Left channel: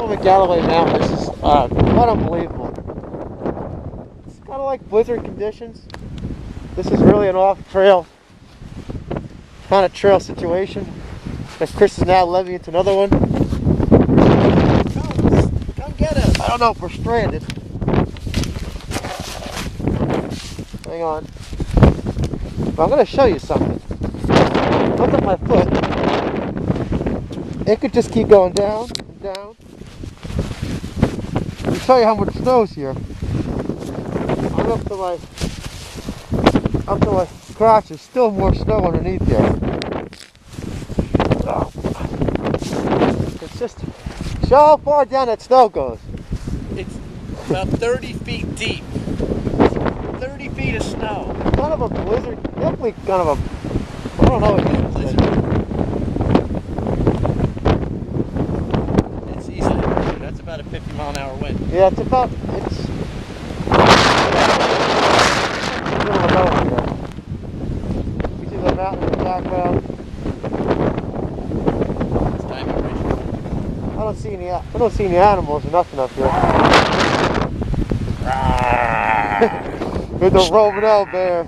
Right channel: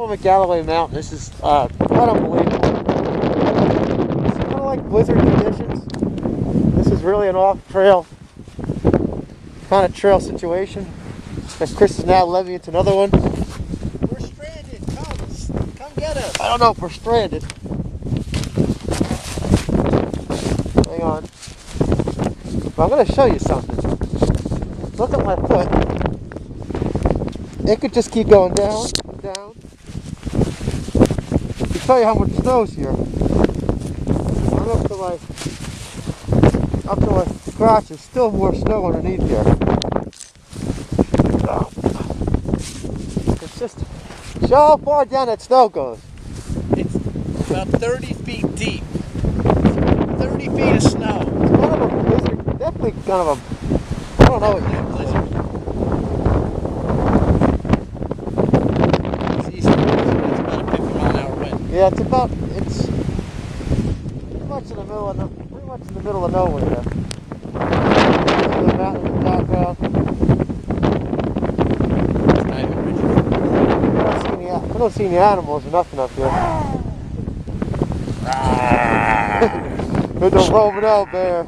on Magalloway Mountain. This is quite unbelievable. It's kind of like blizzard conditions. This is really an off-trail kind of trail situation. And Chris is now leading into another one. Come get us. I don't know if we're stranded. Hang on. But I'm going to show you something. Look at my foot. It could just keep going down, down. To show you how much snow's here. I'm up to my crotch. There's still more snow underneath here. So, it's just, see how far down that snow goes. It's about 30 feet deep. 30 feet of snow. Kind of a blizzard, definitely kind of a, I don't know what it is. It's easy. It's about a 50-mile-an-hour wind. Yeah, it's middle of nowhere there. See the mountain in the background. I don't see any animals or nothing up here. There's a roaming out bear.